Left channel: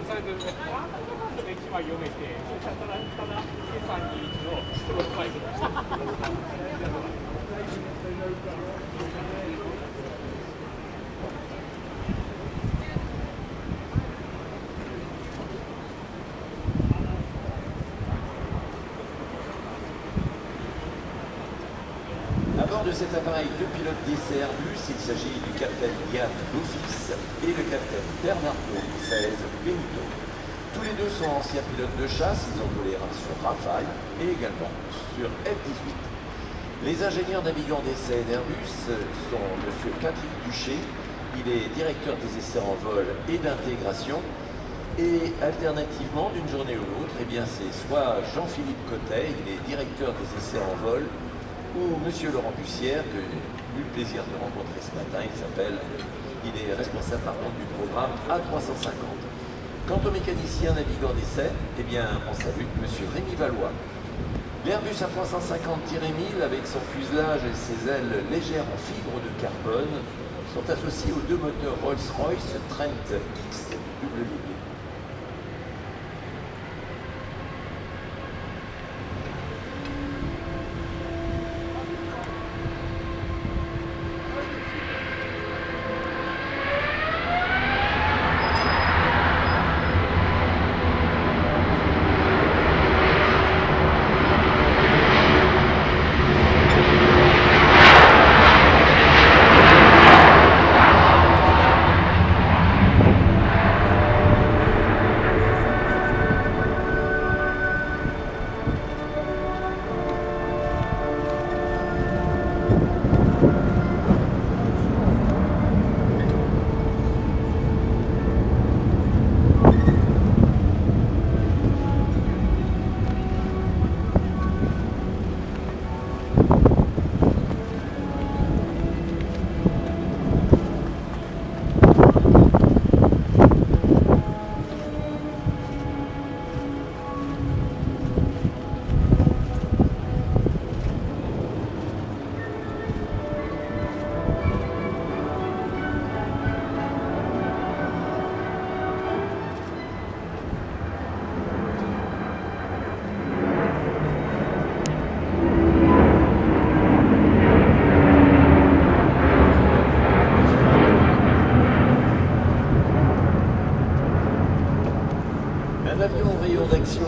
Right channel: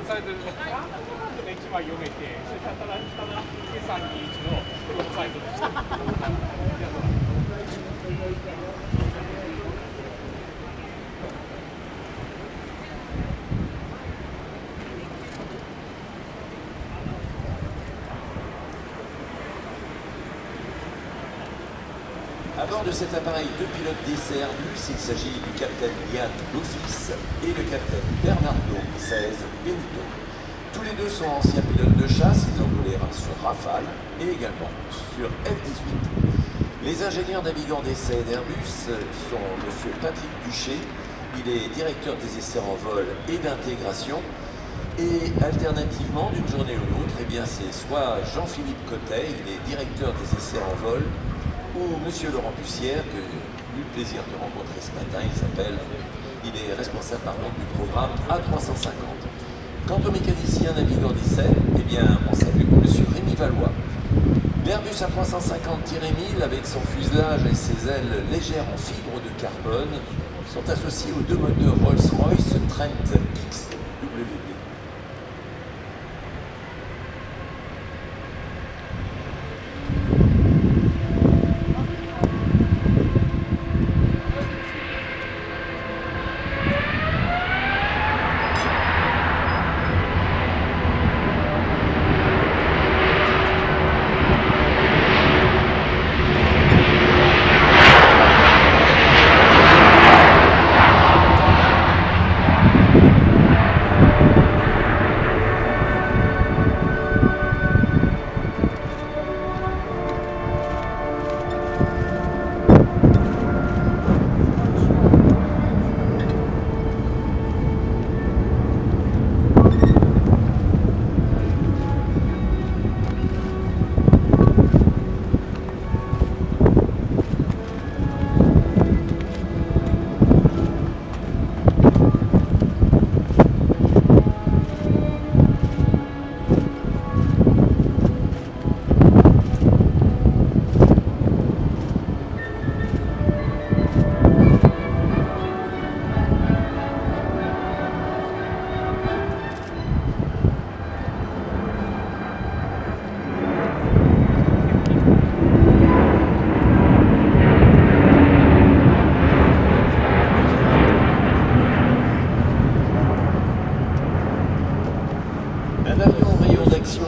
算されてる1枚読めて、それから321のプロトタイプでした。À bord de cet appareil, deux pilotes d'essai Airbus, il s'agit du capitaine Yann Lofis et le capitaine Bernardo XVI Benito. Tous les deux sont anciens pilotes de chasse, ils ont volé sur Rafale et également sur F-18. Les ingénieurs navigants d'essai d'Airbus sont M. Patrick Duché, il est directeur des essais en vol et d'intégration. Et alternativement, d'une journée ou l'autre, eh bien c'est soit Jean-Philippe Cotet, il est directeur des essais en vol, ou M. Laurent Bussière, que j'ai eu le plaisir de rencontrer ce matin, il est responsable par contre du programme A350. Quant au mécanicien navigant d'essai, eh bien on salue M. Rémi Valois. L'Airbus A350-1000 avec son fuselage et ses ailes légères en fibre de carbone sont associés aux deux moteurs Rolls-Royce Trent XWB.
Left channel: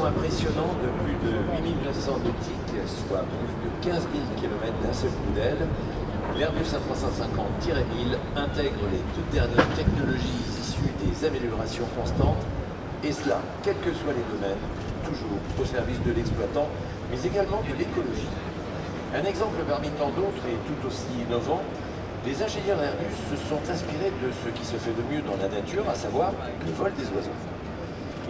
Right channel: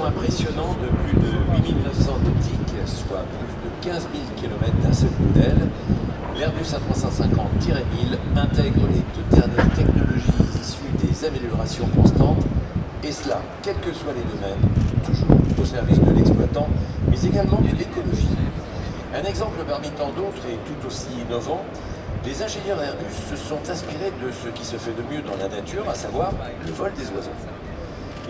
Impressionnant de plus de 8900 nautiques, soit plus de 15 000 km d'un seul coup d'aile, l'Airbus A350-1000 intègre les toutes dernières technologies issues des améliorations constantes, et cela, quels que soient les domaines, toujours au service de l'exploitant, mais également de l'écologie. Un exemple parmi tant d'autres et tout aussi innovant, les ingénieurs Airbus se sont inspirés de ce qui se fait de mieux dans la nature, à savoir le vol des oiseaux.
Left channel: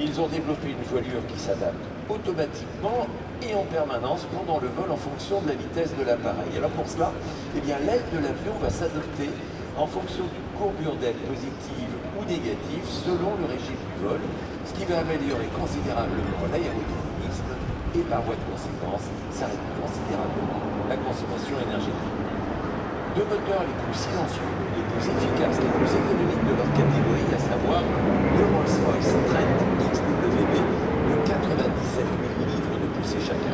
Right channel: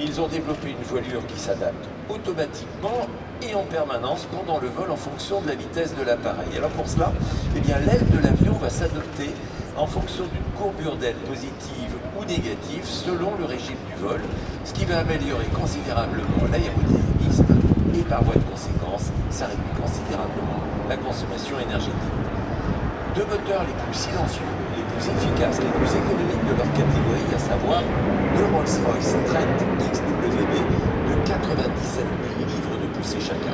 Ils ont développé une voilure qui s'adapte automatiquement et en permanence pendant le vol en fonction de la vitesse de l'appareil. Alors pour cela, eh bien, l'aile de l'avion va s'adapter en fonction d'une courbure d'aile positive ou négative selon le régime du vol, ce qui va améliorer considérablement l'aérodynamisme et par voie de conséquence, ça réduit considérablement la consommation énergétique. Deux moteurs les plus silencieux, les plus efficaces, les plus économiques de leur catégorie, à savoir le Rolls-Royce Trent XWB de 97 000 livres de poussée chacun.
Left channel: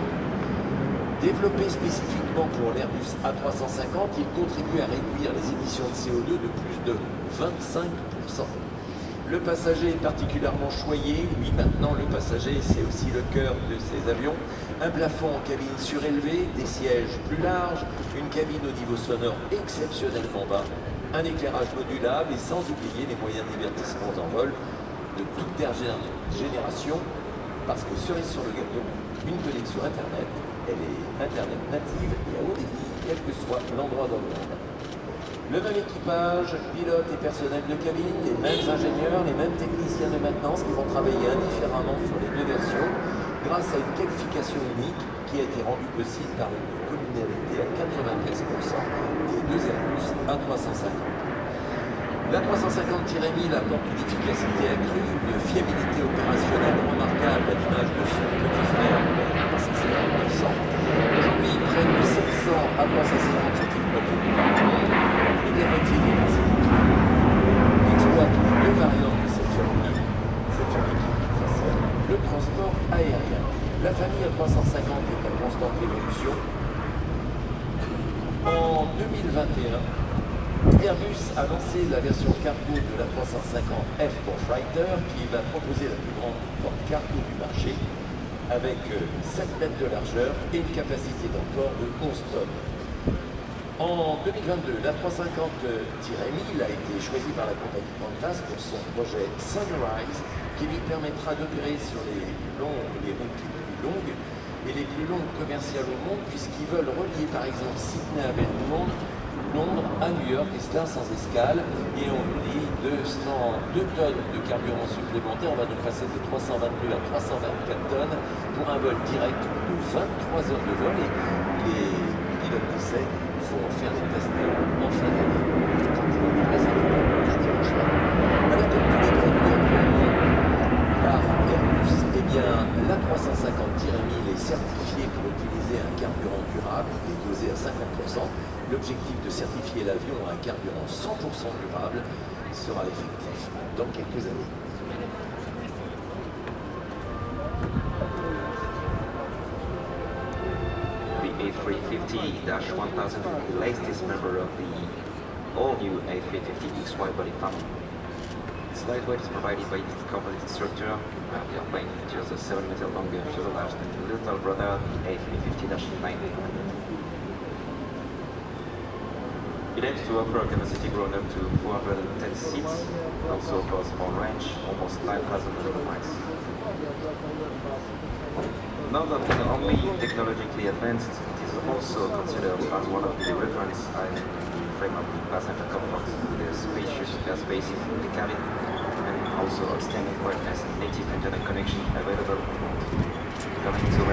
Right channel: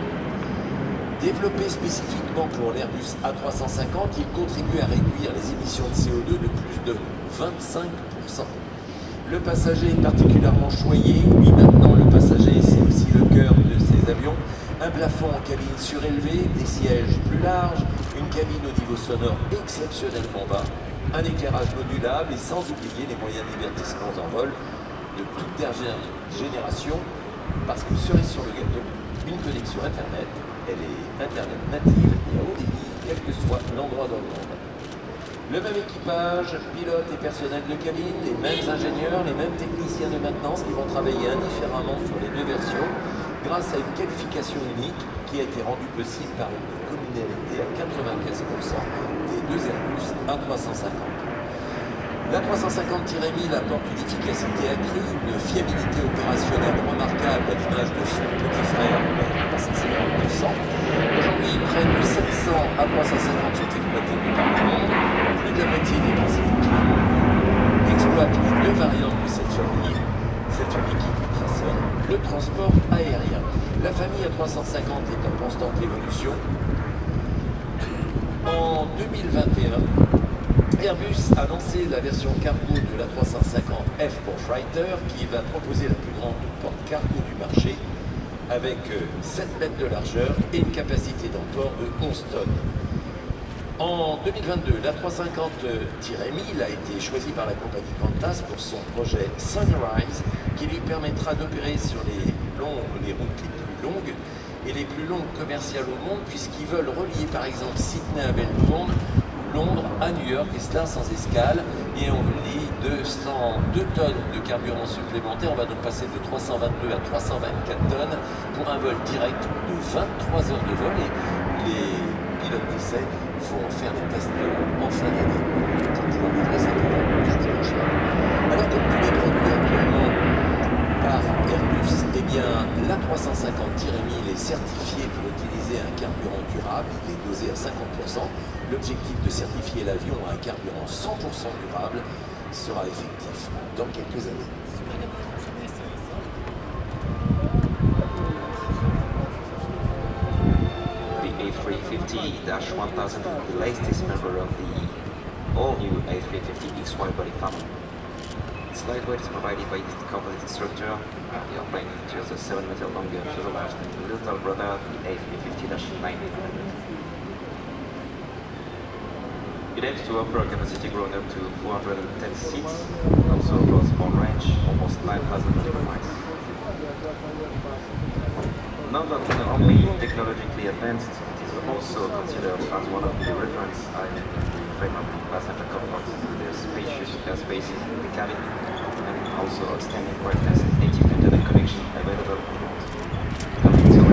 Développé spécifiquement pour l'Airbus A350, il contribue à réduire les émissions de CO2 de plus de 25%. Le passager est particulièrement choyé. Oui, maintenant, le passager, c'est aussi le cœur de ces avions. Un plafond en cabine surélevée, des sièges plus larges, une cabine au niveau sonore exceptionnellement bas, un éclairage modulable et sans oublier les moyens de divertissement en vol de toute dernière génération, parce que cerise sur le gâteau, une connexion Internet, elle est Internet native et à haut débit, quel que soit l'endroit dans le monde. Le même équipage, pilote et personnel de cabine, les mêmes ingénieurs, les mêmes techniciens de maintenance qui vont travailler indifféremment sur les deux versions grâce à une qualification unique qui a été rendue possible par une communalité à 95% des deux Airbus A350. L'A350-1000 apporte une efficacité accrue, une fiabilité opérationnelle remarquable à l'image de son petit frère, le 900. Aujourd'hui, près de 700 A350 sont exploités par le monde, plus de la moitié des principes exploitent les deux variantes de cette famille 2021, Airbus a lancé la version cargo de la 350F pour Freighter, qui va proposer la plus grande porte cargo du marché, avec 7 mètres de largeur et une capacité d'emport de 11 tonnes. En 2022, la 350-1000 a été choisie par la compagnie Qantas pour son projet Sunrise, qui lui permettra d'opérer sur les routes les plus longues et les plus longues commerciales au monde, puisqu'ils veulent relier par exemple Sydney à Melbourne, Londres à New York, et cela sans escale, et on nous dit 2 tonnes de carburant supplémentaire. On va donc passer de 322 à 324 tonnes pour un vol direct de 23 heures de vol, et les pilotes d'essai vont faire des tests en fin d'année. Donc ils vont livrer ça dimanche soir. Alors comme tous les produits actuellement par Airbus, eh bien la 350-1000 est certifiée pour utiliser un carburant durable, il est dosé à 50%. L'objectif de certifier l'avion à un carburant 100% durable sera effectif dans quelques années. The A350-1000 is the latest member of the all-new A350XY body family. Its lightweight is provided by its composite structure. The airplane features a 7-meter longer fuselage than the little brother, the A350-900. It aims to offer a capacity growing up to 410 seats, also for a small range, almost 9,000 nautical miles. Now that not only technologically advanced, it is also considered as one of the reference in the frame of the passenger comfort, with a spacious airspace in the cabin, and also outstanding quietness and native internet connection available on board.